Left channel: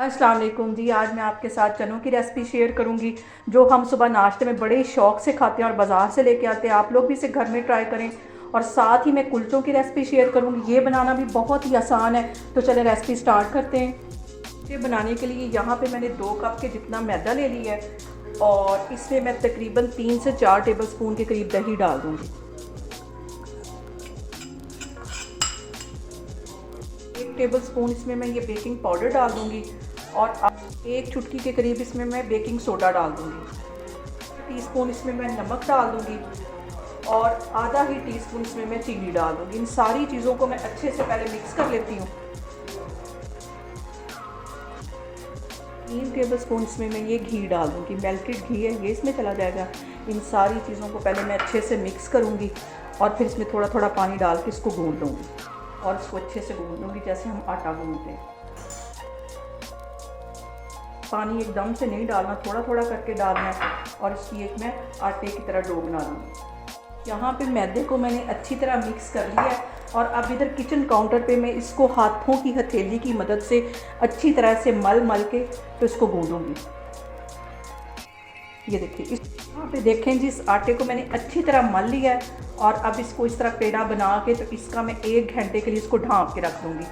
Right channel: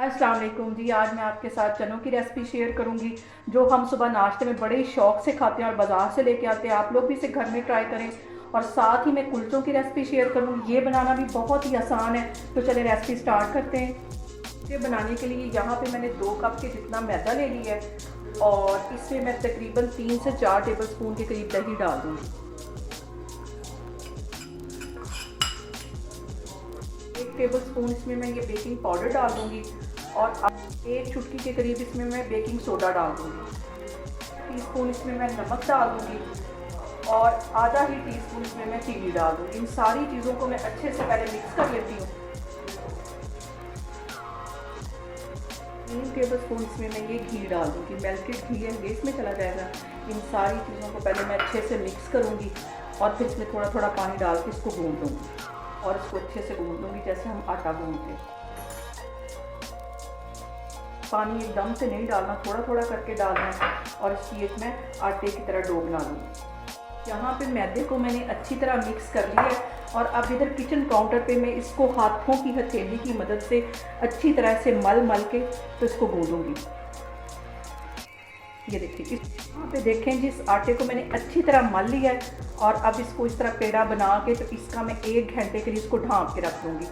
अस्सलाम वालेकुम जी। आज मैं आपके साथ चनों की रेसिपी शेयर करूंगी जो हम सुबह नाश्ते में बड़े शौक से खाते हैं और बाज़ार से लेके आते हैं। आप लोग भी इसे घर में ट्राई करें। और साथ ही मैं कुलचों की रेसिपी शेयर करूंगी। ये बनाना भी बहुत ही आसान है। तो चलें रेसिपी स्टार्ट करते हैं। ये बनाने के लिए यहाँ पे मैंने 2 कप के जितना मैदा ले लिया है और इसमें मैं तकरीबन 3 से 4 टेबल स्पून के करीब दही डाल दूँगी। 1 टेबल स्पून इसमें मैं ये बेकिंग पाउडर डाल दूँगी और अब 1 चुटकी के करीब इसमें मैं बेकिंग सोडा डाल दूँगी। टीस्पून इसमें मैं नमक डाल दूँगी और आधा ही टीस्पून इसमें मैं चीनी डाल दूँगी। इन सारी चीज़ों को मैं अच्छे से पहले मिक्स कर लेती हूँ। 3 टेबल स्पून इसमें मैं ये घी डाल दूँगी। मेल्टेड घी है, ये इसमें चला जाएगा। इन सारी चीज़ों को पहले मैं अच्छे से मिक्स करूँगी और फिर इसमें थोड़ा थोड़ा पानी डाल के इसको गूँध लूँगी और इसको अच्छे से गूँध लूँगी जैसे हम आटा गूँधते हैं। पानी एकदम से नहीं डालना, थोड़ा थोड़ा करके डालना है और इसकी एक मैं आटे की तरह डो बना लूँगी। यहाँ पे मैदे को मैंने अच्छी तरह मिक्स कर लिया है और अब इधर किचन काउंटर पे मैं इसको हाथों की हथेली की मदद से अच्छी तरह से मल मल के तो इसको गूँधूँगी। ये देखिए, यहाँ पे देखें जी, इस आटे को मैंने अच्छी तरह मल लिया है और अब इसको इस तरह पेड़ा बना के तो इसका मैं 1 घंटे के लिए इसको ढाँप के रख दूँगी।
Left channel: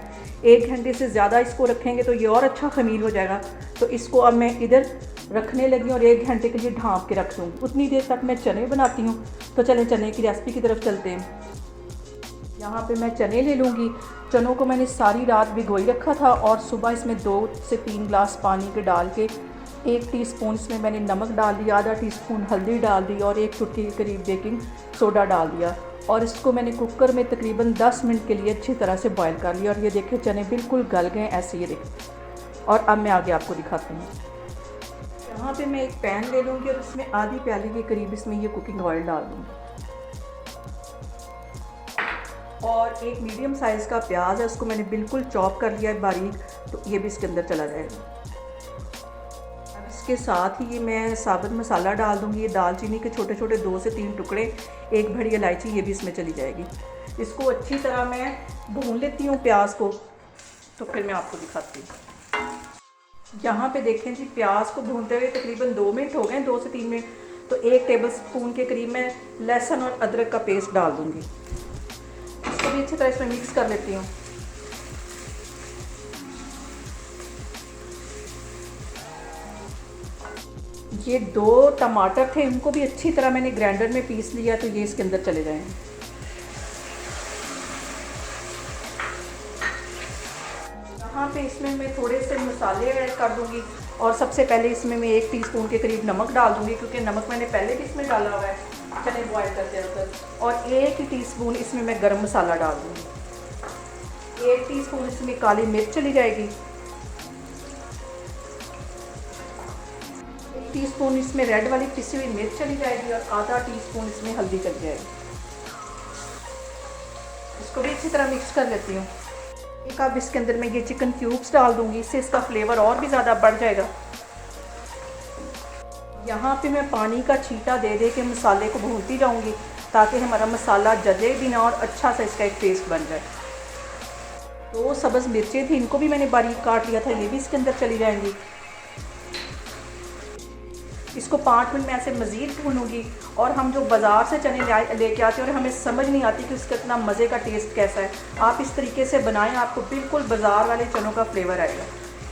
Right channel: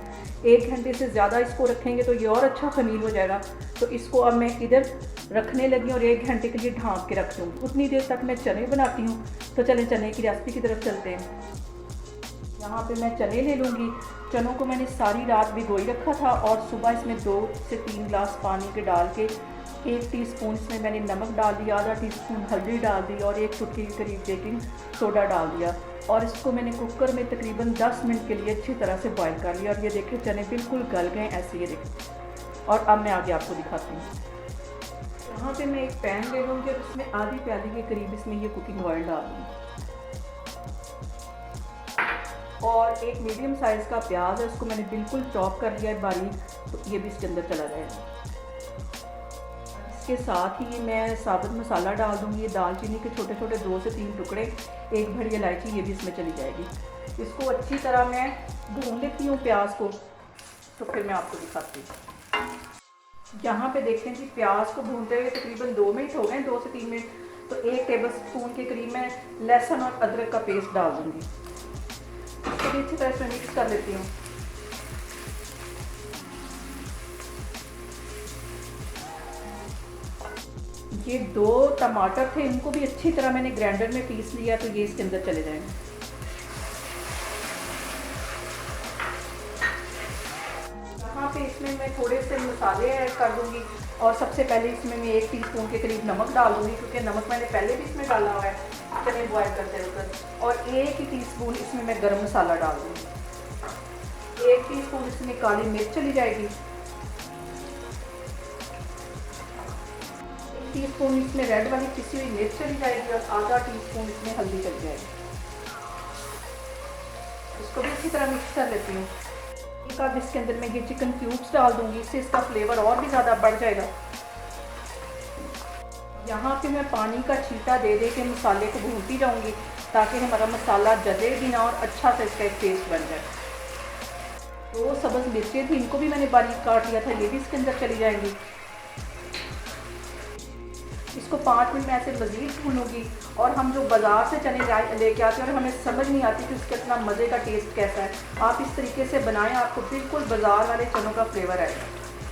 1 घंटे से ज़्यादा इसको रखेंगे तो ये और अच्छा खमीर हो जाएगा। तो इसको अब मैं इधर रखने लगी और 1 घंटे के लिए ढाँप के रख दूँगी। उतनी देर तक मैं चने बनाती हूँ। तो चलें चने की रेसिपी की तरफ चलते हैं। यहाँ पे मैं चने ले लूँगी। चनों को मैंने सारी रात भिगोई रखा था और सुबह इसमें 2 से 3 गिलास पानी के डाल के 1 टीस्पून इसमें मैंने नमक डाल दिया, आधा टीस्पून हल्दी डाल दी और 1 चुटकी के करीब बेकिंग सोडा डाल दिया और इसको मैंने कुकर में तकरीबन 10 मिनट के लिए अच्छी तरह से बॉईल कर लिया। और ये देखिए चने बिल्कुल गल गए ऐसे, ये देखिए। और अब मैं आगे आपको दिखाती हूँ। यहाँ पे मैं एक पैन ले लूँगी और इसमें आधी प्याली के करीब इसमें ये कुकिंग ऑयल डाल दूँगी और एक मीडियम साइज़ का प्याज है, उसको मैंने बिल्कुल चॉप कर लिया है बारीक, तो ये भी इसके अंदर चला जाएगा। इसके साथ ही मैं साबुत मसाला डाल दूँगी। ये दालचीनी के छोटे छोटे 2 से 3 टुकड़े, 1 बड़ी इलायची, ये भी इसमें चली जाएगी। इसको अच्छी तरह मैं भून लेती हूँ प्याज को, तो फिर मैं आपको दिखाती हूँ। यहाँ पे देखें जी, प्याज को भूनते हुए तकरीबन 2 मिनट हो गए, 2 से 3 मिनट। तो 1 टेबल स्पून के करीब मैं लहसुन और अदरक का पेस्ट डाल दूँगी। इसको भी अच्छी तरह इसमें मिक्स कर लेती हूँ। ये 2 टमाटर थे, इनको भी अच्छी तरह मैंने ग्राइंडर में पीस लिया, तो ये इसके अंदर चले जाएंगे। यहाँ पे इसमें मैं थोड़े से मसाले ऐड कर दूँगी और सबसे पहले इसमें मैं 1 टीस्पून के करीब नमक डाल दूँगी, क्योंकि नमक मैंने पहले भी इसमें डाला हुआ है चने बॉयल करते वक्त। और 1 टीस्पून इसमें मैं गरम मसाला डाल दूँगी। 1 टीस्पून इसमें काली मिर्च चली जाएगी। 1 टीस्पून इसमें रेड वाली पिसी हुई मिर्च चली जाएगी और आधा टीस्पून इसमें हल्दी चली जाएगी। इसको भी अच्छी तरह मिक्स कर लेती हूँ। एक अब इसके अंदर मैं ये चिकन क्यूब्स डाल दूँगी, इससे इसका फ्लेवर और भी ज़्यादा बढ़ जाएगा। यहाँ पे मैं पानी का छींटा दे दे के मसाले को भूनती जाऊँगी ताकि हमारा मसाला जले भी ना और अच्छा सा इसका एक पेस्ट बन जाए। 2 सब्ज़ मिर्चें थी, इनको भी मैंने बारीक काट लिया था, ये भी इसके अंदर चली जाएंगी। इसको 5 मिनट में ऐसे मज़ीद भूनूंगी। और हम जो बाज़ार से चने लेके आते हैं और हमें समझ नहीं आती कि उसका इतना मज़े का टेस्ट कैसा है, आप इस तरीके से बनाएं, आपको बिल्कुल बाज़ार वाले चनों का फ्लेवर आएगा।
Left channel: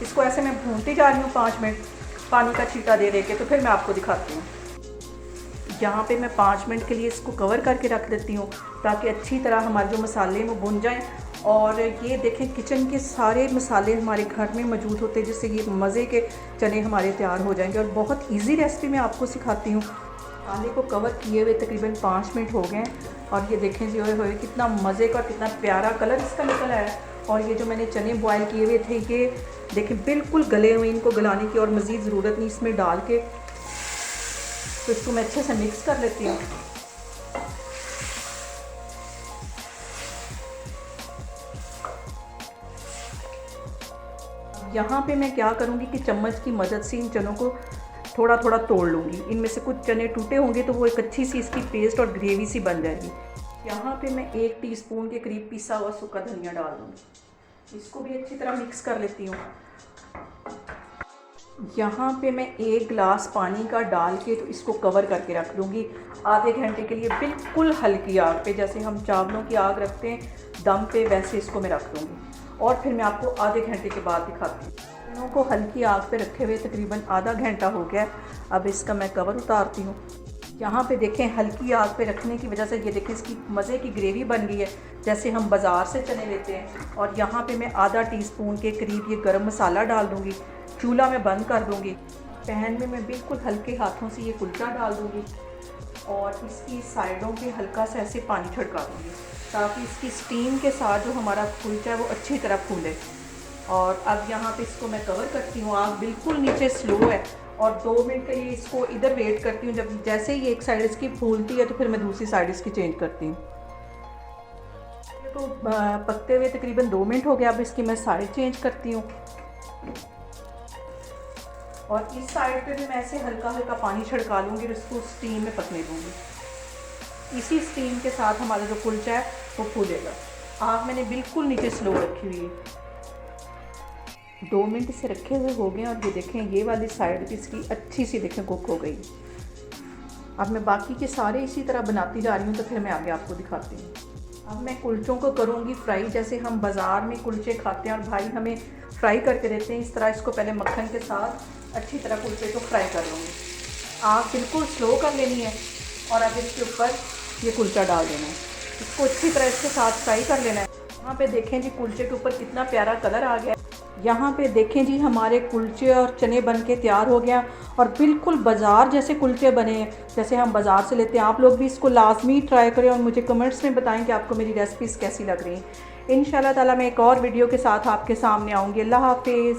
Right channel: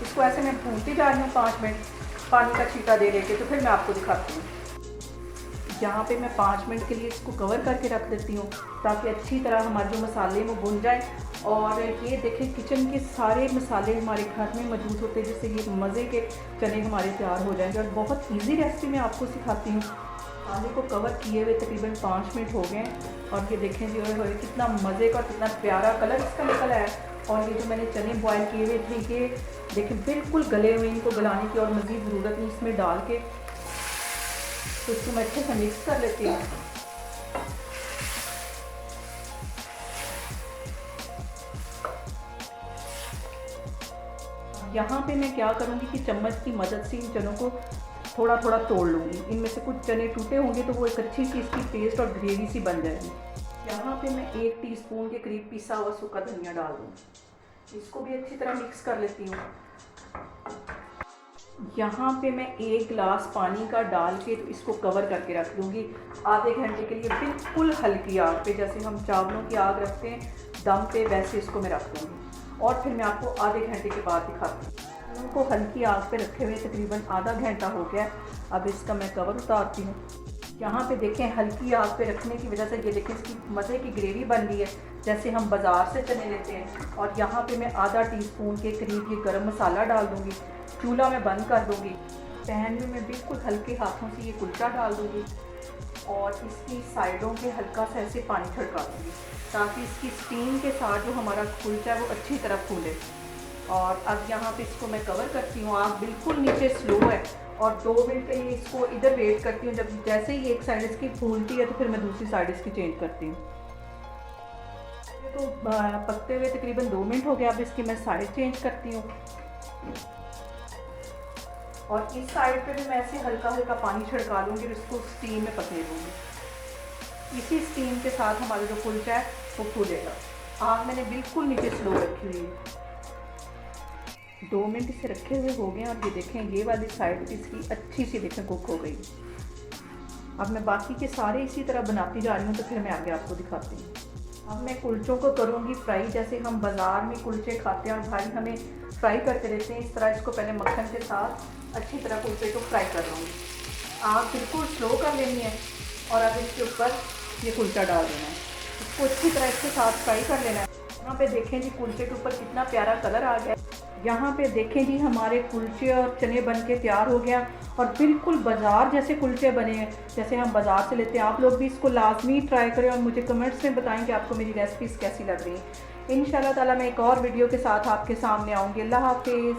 इसको ऐसे मैं भूनती जा रही हूँ 5 मिनट पानी का छींटा दे के, तो फिर मैं आपको दिखाती हूँ। यहाँ पे मैं 5 मिनट के लिए इसको कवर करके रख देती हूँ ताकि अच्छी तरह हमारे जो मसाले हैं वो भुन जाएँ। और ये देखें, किचन के सारे मसाले हमारे घर में मौजूद होते हैं जिससे ये मज़े के चने हमारे तैयार हो जाएंगे। और बहुत इजी रेसिपी मैं आपको सिखाती हूँ। मसाले को कवर किए हुए तकरीबन 5 मिनट हो गए हैं और ये देखें जी, ओए कितना मज़े का, कितना प्यारा कलर इसका निकला है। और ये जो मैंने चने बॉयल किए हुए थे, ये देखें बिल्कुल गले हुए, इनको गलाने की और मज़ीद ज़रूरत नहीं इसमें डाल के। तो इसको मैं अच्छे से मिक्स कर लेती हूँ। यहाँ पे मैं क्या करूँगी कि चम्मच की मदद से इन चनों को थोड़ा थोड़ा तोड़ लूँगी। इनमें से कुछ चने टूटे होंगे तो वो एक अच्छी सी इसकी पेस्ट और ग्रेवी सी बन जाएगी। यहाँ पे मैं 1 टीस्पून के करीब पिसा हुआ सूखा धनिया डाल दूँगी। इसको भी अच्छी तरह मिक्स कर लेती हूँ। यहाँ पे मैं 1 गिलास पानी का डाल के तो इसको कवर करके रख दूँगी आधे घंटे के लिए, बिल्कुल हल्की आग पे, जैसे हम चावलों की आग रखते हैं दम पे, वैसे इसको मैं रख दूँगी। और फिर मैं आपको आधे घंटे के बाद दिखाती हूँ। दोनों को हल्की आग पे रखे हुए तकरीबन आधा घंटा हो गया। अब इसका मैं कवर उतारती हूँ। यहाँ पे देखें, हल्की आग पे रखने की वजह से ये देखें इसकी मज़े की ग्रेवी बन गई है, जैसे हम बाज़ार से चने लेते हैं। और यहाँ पे मैं आधा टीस्पून के करीब ये गरम मसाला डाल दूँगी। चूल्हा मैं बंद कर दूँगी। पैन में मैं बिल्कुल हल्के हाथों से ये कुलचा डाल दूँगी और इसकी साइडों पे हल्का सा ऐसे पानी छिड़का दूँगी, ताकि इसकी स्टीम के साथ जो हमारा कुलचा है वो अच्छी तरह फूले। और अब यहाँ पे इसको मैं कवर करती हूँ। आग बिल्कुल नीचे स्लो है और 2 मिनट के लिए इसको इधर वेट करती हूँ। जब जैसे ही एक साइड इसकी फूलती है तो फिर मैं दूसरी साइड इसकी चेंज करती हूँ। तो पकते हुए तकरीबन 2 मिनट हो गया। अब इसकी मैं साइड चेंज करती हूँ और इस साइड पे भी मैं ऐसे हल्का हल्का पानी छिड़का लूँगी और इसको स्टीम में पकने दूँगी। इसी स्टीम के साथ हमारा जो कुलचा है वो फूलेगा। आग मैंने बिल्कुल नीचे स्लो रखी हुई है। 2 मिनट से रखे हुए हो गए और ये देखें ये वाली साइड भी इसकी अच्छी सी देखें कुक हो गई। अब मैं बाकी के सारे इसी तरह बनाती जा रही हूँ, तो फिर मैं आगे आपको दिखाती हूँ। अब मैं कुलचों को करूँगी फ्राई, जैसे हम बाज़ार में कुलचे खाते हैं और भाई हमें फ्राई करके देते हैं, इस तरह इसको पहले मक्खन के साथ अच्छी तरह कुलचे को फ्राई कर लूँगी। आग बिल्कुल स्लो कर लेनी है और अब इसके ऊपर ये कुलचा डाल देना है। इसको अच्छी तरह इसके साथ फ्राई कर लेना है। यहाँ पे देखें जी कुलचे के ऊपर कितना प्यारा कलर आ गया। यहाँ पे देखें जी हमारे कुलचे और चने बन के तैयार हो गया और बिल्कुल बाज़ार जैसे कुलचे बने हैं, जैसे हम बाज़ार से लेते हैं। आप लोग भी इसको लाजमी ट्राई करें और मुझे कमेंट्स में बताएं कि आपको मेरी रेसिपीज़ कैसी लग रही हैं। इंशाल्लाह ताला मैं एक और वीडियो के साथ आपके सामने आऊँगी। अल्लाह हाफिज़।